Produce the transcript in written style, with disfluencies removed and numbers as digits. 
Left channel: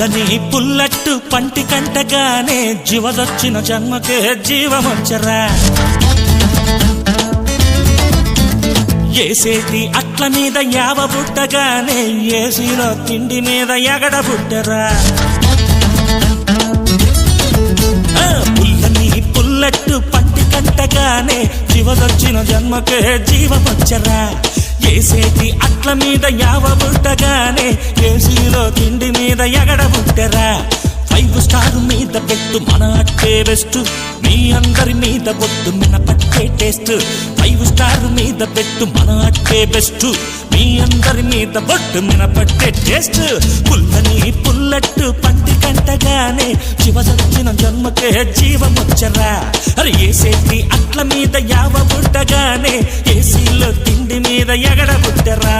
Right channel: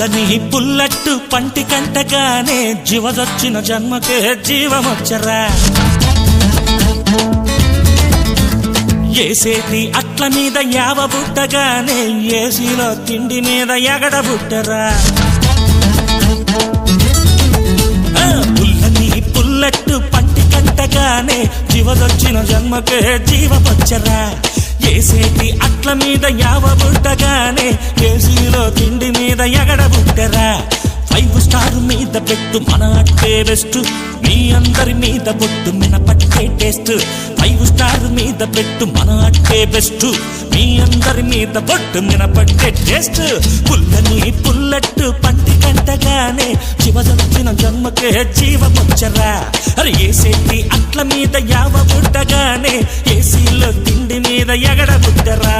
పుల్లని పుల్లట్టు పంటి కంటగానే జీవదొచ్చిన జన్మకే జీవమొచ్చరా ఏసేటి అట్ల మీద యావ బుట్టగానే ఏసీలో తిండి మీద ఎగడ బుట్టరా పుల్లని పుల్లట్టు పంటి కంటగానే జీవదొచ్చిన జన్మకే జీవమొచ్చరా ఏసేటి అట్ల మీద యావ బుట్టగానే ఏసీలో తిండి మీద ఎగడ బుట్టరా 5 స్టార్ మీద పెట్టు మన అట్టే బెస్ట్ మీ అందరి మీద బొట్టు మినపట్టే టేస్ట్ 5 స్టార్ మీద పెట్టు మన అట్టే బెస్ట్ మీ అందరి మీద బొట్టు మినపట్టే టేస్ట్ పుల్లని పుల్లట్టు పంటి కంటగానే జీవదొచ్చిన జన్మకే జీవమొచ్చరా అరే ఏసేటి అట్ల మీద యావ బుట్టగానే ఏసీలో తిండి మీద ఎగడ బుట్టరా